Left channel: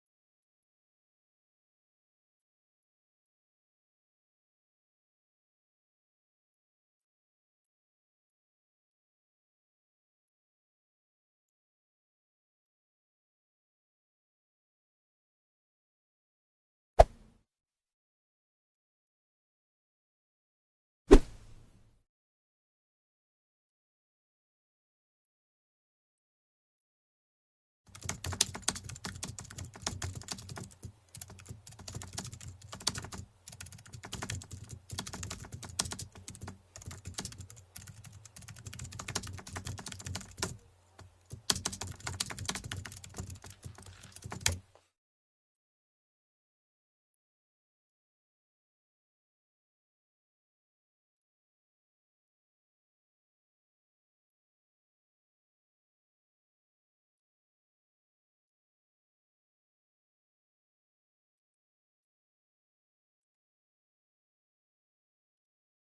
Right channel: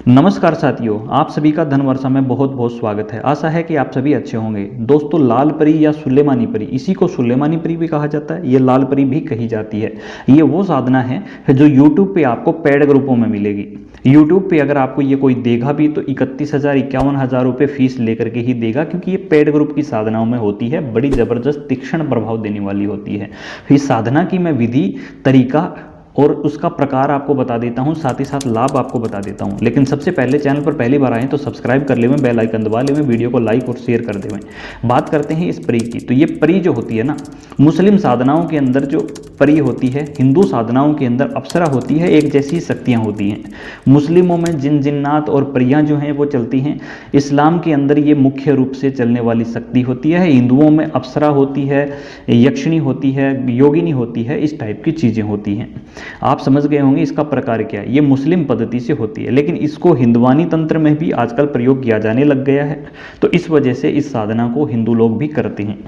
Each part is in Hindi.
नमस्कार साथियों, आप सभी का धन वर्षा में बहुत बहुत स्वागत है। आशा है कि आप सभी अच्छे होंगे। दोस्तों, लाल परी या सुलेमानी परी, इसी को सुलेमानी परी भी कहा जाता है, ये लाल परी भी कही जाती है। ये वो साधना है जो YouTube पे आपको पेड ग्रुपों में मिलेगी। YouTube पे अगर आपको ये कोई देगा भी तो 31,000 51,000 रुपये फीस लेकर के ही देगा, क्योंकि ये पेड ग्रुप की साधनाओं में होती है, बड़ी ज़बरदस्त तीक्ष्ण प्रभाव देने वाली होती है। इस साधना की मैं विधि, तरीका और उसका प्रकार आपको बता देता हूं, साथ ही साथ लाभ आपको बता देता हूं। लेकिन सबसे पहले चैनल पर पहली बार आए तो सब्सक्राइब कर लेवें, बेल आइकन दबा लेवें, वीडियो को लाइक और शेयर कर देवें। बात करते हैं इस परी की। तो ये परी जो होती है ना, मुस्लिम साधनाओं के अंदर जो परी होती है, हिंदू साधनाओं के अंदर अप्सरा होती है, एक जैसी शक्तियाँ होती हैं। मुस्लिमों में जिन जिन्नात और परियाँ जो हैं वो चलती हैं। इस्लाम के अंदर ये मुख्य रूप से चलने वाली शक्ति होती है। हिंदुओं में अप्सरा होती है, यक्षिणी होती है, योगिनी होती है, इस टाइप की चीज़ें होती हैं। आप समझ गए होंगे इसका प्रकार क्या है। ये मुस्लिम पद्धति से होती है, लेकिन इसको हिंदवानी तंत्र में भी आजकल प्रयोग किया जाने लग गया है, तो इस वजह से इस साधना को हिंदू लोग भी करते हैं।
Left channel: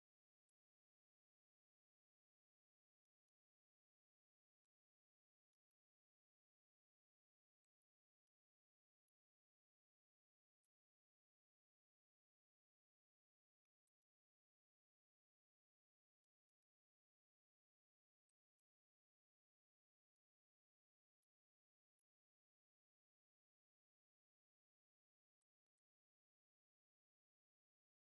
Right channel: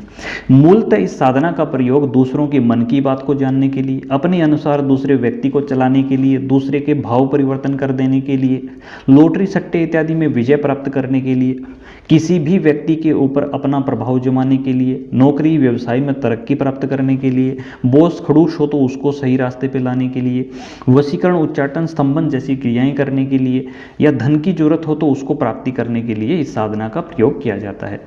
मूलतः इस साधना का प्रयोग दूसरों के मन की बात को जानने के लिए, अपने अनुसार दूसरे व्यक्ति को चलाने के लिए, दूसरे के भाव परिवर्तन कर देने के लिए, लॉटरी सट्टे इत्यादि में विजय प्राप्त करने के लिए, किसी भी व्यक्ति के ऊपर अपना प्रभाव जमाने के लिए, नौकरी व्यवसाय में तरक्की प्राप्त करने के लिए, बॉस खड़ूस हो तो उसको सही रास्ते पे लाने के लिए, वशीकरण, उच्चाटन, स्तंभन जैसी क्रियाएं करने के लिए, या धन की जरूरत हो तो उसको प्राप्ति करने के लिए इस साधना का प्रयोग किया जाता है।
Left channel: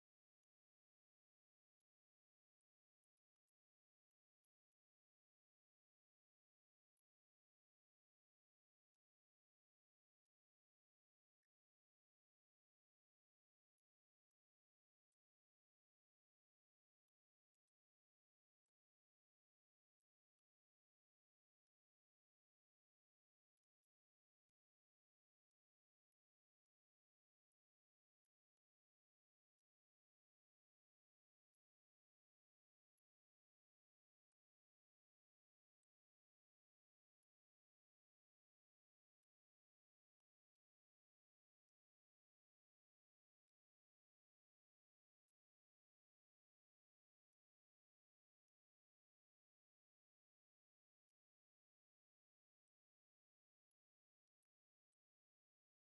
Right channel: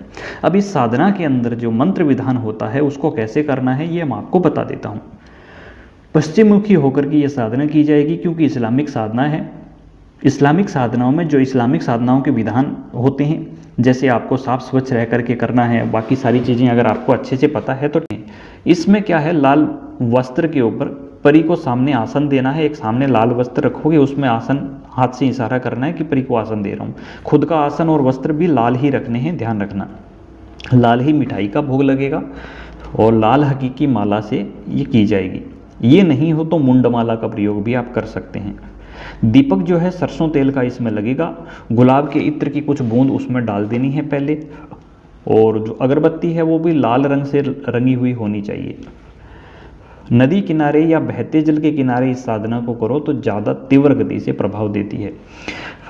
अब इस साधना के अंदर जो मंत्र विधान होता है उसको कैसे करना है ये मैं आपको बता देता हूँ। पश्चिममुखी होकर के ये साधना की जाएगी, क्योंकि इस्लामिक साधना है। इस्लामिक साधनाओं में जो इस्लामिक साधनाओं के विधान होते हैं, जैसे आपको साफ स्वच्छ रह करके करना है, बाकी सारी चीज़ें अगर आपको अच्छे से पता है तो इसमें क्या है, लाल वस्त्र के ऊपर परी को सामने आसन देना है। एक सामने लाल वस्त्र रखोगे, उसमें आसन हाथ से इशारा करना है कि परी को आसन दे रहा हूँ। खुद का आसन और वस्त्र भी लाल ही रखने हैं, ध्यान रखना। लाल ही मिठाई का भोग लगेगा और लाल हकीकी माला से ये की जाएगी। ये नहीं हो तो मुंडमाला का प्रयोग भी आप कर सकते हैं। दीपक जो है सरसों तेल का इसमें लगेगा। गुलाब के इत्र की कुछ बूंद उसमें डाल देनी है पहले, और जो अगरबत्ती है वो भी लाल रंग से रंगी हुई होनी चाहिए। नदी किनारे या बहते जल के किनारे इस साधना को करो तो ज़्यादा तीव्र गति से प्रभाव देती है।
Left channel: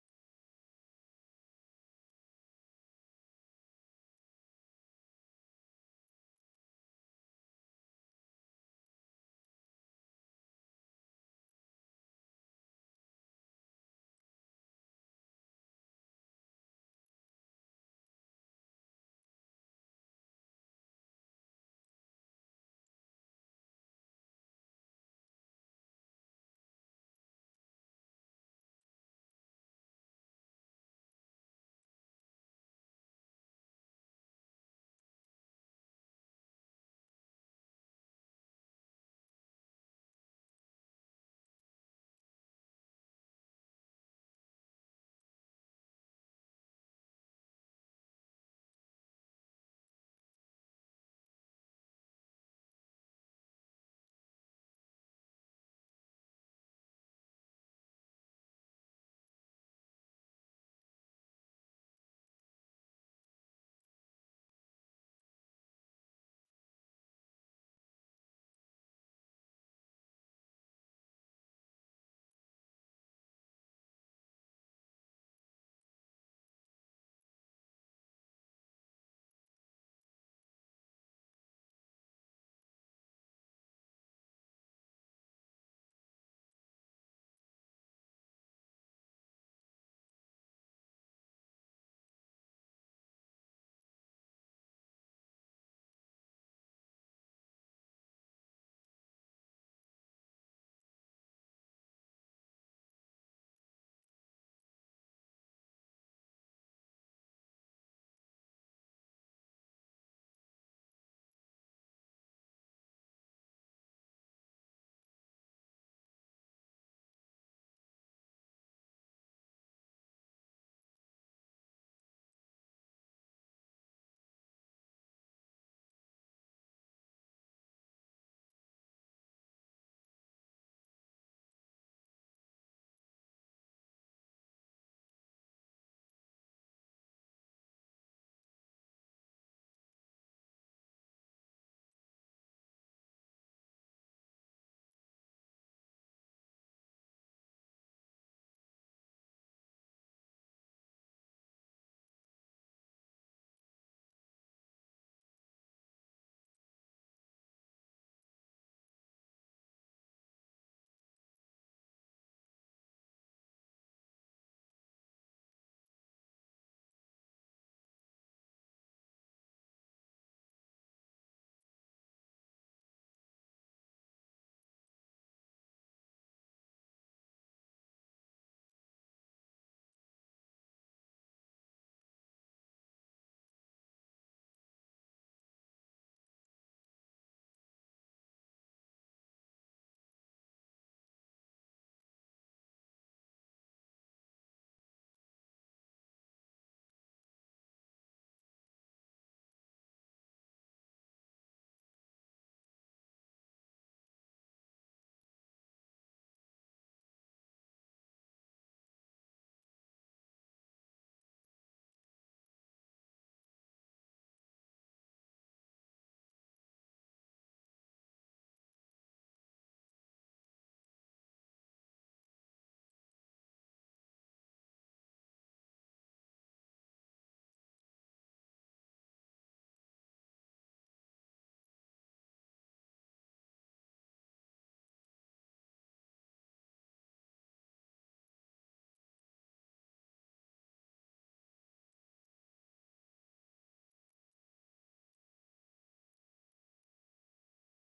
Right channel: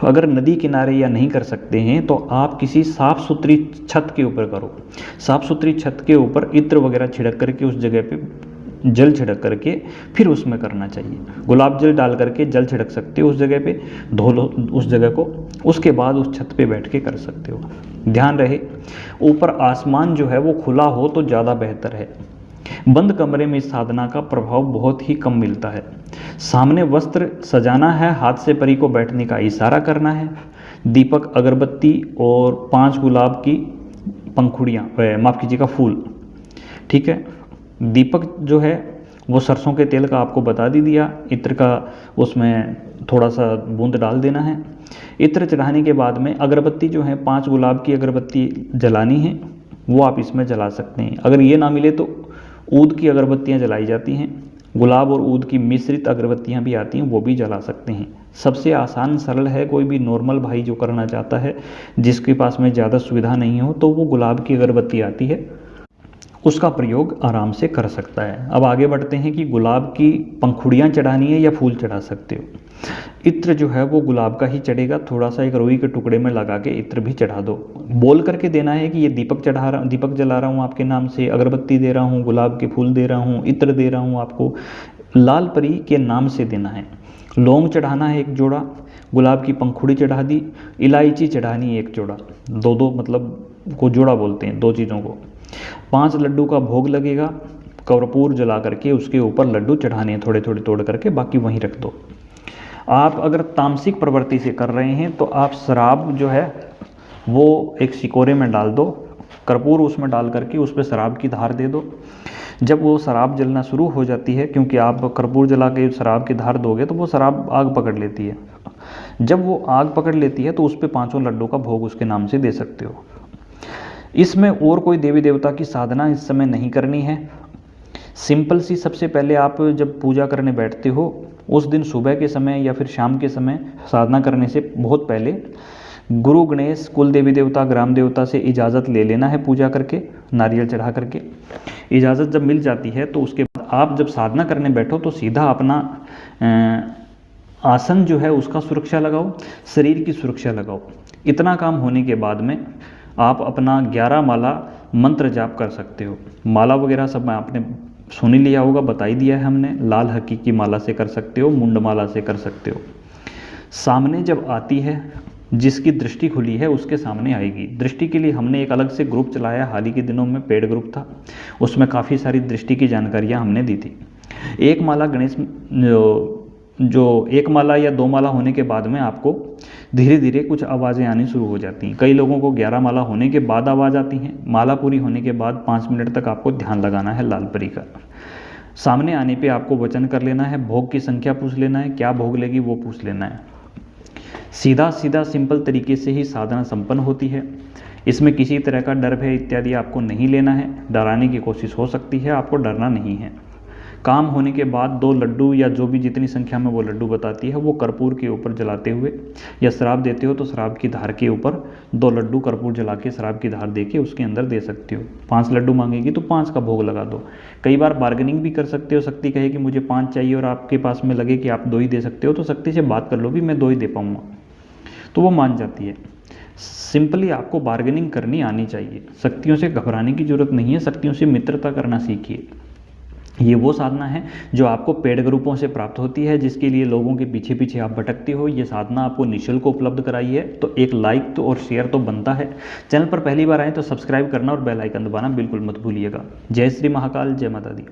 अगर नदी किनारे या नहीं कर सकते हैं तो आप किसी साफ़ सुथरी छत के ऊपर करो। साफ़ सुथरी छत के ऊपर इत्र वगैरह छिड़क करके उस जगह पे जल छिड़क करके फिर उसमें करना चाहिए। गुलाब जल डाल करके जल छिड़क सकते हो उस जगह पे, धो लो उस जगह को, उसके बाद उस छत पे बैठ के कर सकते हो। ध्यान रहे ऊपर आसमान जो है वो खुला हो तो ज़्यादा बेहतर है। बंद कमरे में इस साधना का प्रभाव बहुत ही कम मिलता है। सामने वस्त्र सजाना है, हाथ से परी को बैठने का इशारा करना है। दीपक, अगरबत्ती और 5 गुलाब की पंखुड़ियाँ, माफ़ कीजिएगा, फूल, ठीक है। दीपक जो है वो सरसों के तेल का आपको बता दी दिया। इत्र का उसमें थोड़ा सा बूंद डाल देना है। इत्र चढ़ाने के बाद में अगरबत्ती जो है 5 गुलाब की अगरबत्ती जलानी है, वो आप इसमें जला सकते हैं। अगर ये ना मिले तो ऊद की अगरबत्तियाँ जलाई जाती हैं। गुलाब और ऊद की मिश्रित अगरबत्तियाँ भी आती हैं, वो भी जला सकते हैं। सबसे आसान सरल है। कोई भी नॉर्मल भाई जो करना चाहता है, जिसके पास में ज़्यादा सुविधा नहीं हो, तो वो गुलाब की अगरबत्ती आती है, उसका प्रयोग आराम से कर सकता है। अब आगे बढ़ते हैं कि गुलाब की पंखुड़ियाँ चढ़ानी है या फूल चढ़ा सकते हो। इत्र जो है वो गुलाब का ही चढ़ेगा, थोड़ा सा एक रुई के टुकड़े में लगा के इत्र भी चढ़ा दो। बोल करके देना है कि ये दीपक चढ़ा रहा, दीपक जला रहा हूँ आपके नाम से, अगरबत्ती दे रहा हूँ, गुलाब के फूल दे रहा हूँ, इत्र दे रहा हूँ आपको। लाल परी के नाम से देना है। लौंग चढ़ाना है 1 जोड़ा, गुलाब की पंखुड़ी चढ़ा दी, इलायची चढ़ानी है 1 जोड़ा, 2-2 मतलब को जोड़ा बोलते हैं 2 चीज़ों को। 5 लड्डू का भोग लगेगा। कर्पूर जला करके उसके ऊपर लड्डू चढ़ाने हैं, थोड़े थोड़े तोड़ करके, बाकी वहीं रख दो। आप अगर तामसिक प्रवृत्ति से कर रहे हैं तो आप शराब जो है वो एक सिकोरे में डाल दो, कर्पूर उसमें डाल करके उस पर शराब की धार दे दो। जब वो शराब जलना शुरू हो जाती है, क्योंकि आप कर्पूर जला के शराब की धार दोगे तो वो शराब आग पकड़ लेती है। जब वो आग पकड़ लेती है तो उस पर 5 लड्डू का भोग उसके नाम से दे सकते हो। इसमें और कोई देवी देवता की साधना इस समय नहीं करनी है। सिंपल सी, सबसे पहले आप जब पूजा करने बैठते हो उस दिन सुबह के समय या फिर शाम के समय साधना करने से बहुत पहले गुरु गणेश, कुल देवी देवता, ग्राम देवता से इजाज़त ले लेना है पूजा करके, नारियल चढ़ा करके। इजाज़त जब मिल जाती है तो उसके बाद आप जब साधना करने बैठो तो सीधा अपना आसन जो है उसका सुरक्षा लगाओ, शरीर की सुरक्षा लगाओ। इतना काम होने के बाद में आप अपना 11 माला मंत्र जाप कर सकते हो। माला वगैरह सब आपने सुन ही लिया होगा, बता ही दिया है हमने। लाल हकीकी माला से कर सकते हो, मुंड माला से कर सकते हो। सामने जब आती है, जिसकी दृष्टि खुली है उसके सामने आएगी। दृष्टि के लिए हमने एक अलग से ग्रुप चलाया, हाल ही के दिनों में पेड ग्रुप था, उसमें काफ़ी सारी दृष्टि की जानकारियाँ हमने दी थी। एक माला गणेश जो एक माला या 2 माला होने के बाद में आपको धीरे धीरे कुछ आवाज़ें आनी शुरू हो जाती हैं। कई लोगों को 11 माला होने के बाद आवाज़ आती हैं। माला पूरी होने के बाद 5 मिनट तक आपको ध्यान लगाना है लाल परी का। सामने आने पे आपको वचन कर लेना है, भोग की संख्या पूछ लेना है, क्या भोग लेगी वो पूछ लेना है। सीधा सीधा सिंपल तरीके से ही साधना संपन्न होती है। इसमें किसी तरह का डर भय इत्यादि आपको नहीं लेना है। डराने की कोशिश हो सकती है, आपको डरना नहीं है। काम होने के बाद 2 लड्डू या जो भी जितनी संख्या में वो लड्डू बताती है वो कर्पूर के ऊपर जलाते हुए, या शराब देते हो तो शराब की धार के ऊपर 2 लड्डू कर्पूर जला के शराब की धार दे के उसके अंदर दे सकते हो। 5 लड्डू मांगेगी तो 5 का भोग लगा दो। कई बार बार्गेनिंग भी कर सकते हो। शक्ति कहे कि मुझे 5 चाहिए और आपके पास में लगे कि आप 2 ही दे सकते हो, तो शक्ति से बात कर लो भी मैं 2 ही दे पाऊँगा, तो वो मान जाती है। सिंपली आपको बार्गेनिंग करनी आनी चाहिए। शक्तियों से घबराने की जरूरत नहीं है, शक्तियों से मित्रता करना सीखिए। ये वो साधना है जो आपको पेड ग्रुपों से प्राप्त होती है, जिसके लिए लोगों के पीछे पीछे आप भटकते हो। ये साधना आपको निःशुल्क उपलब्ध कराई है, तो एक लाइक तो और शेयर तो बनता है। चैनल पर पहली बार आए तो सब्सक्राइब करना और बेल आइकन दबाना बिल्कुल मत भूलिएगा। जय श्री महाकाल, जय माता दी।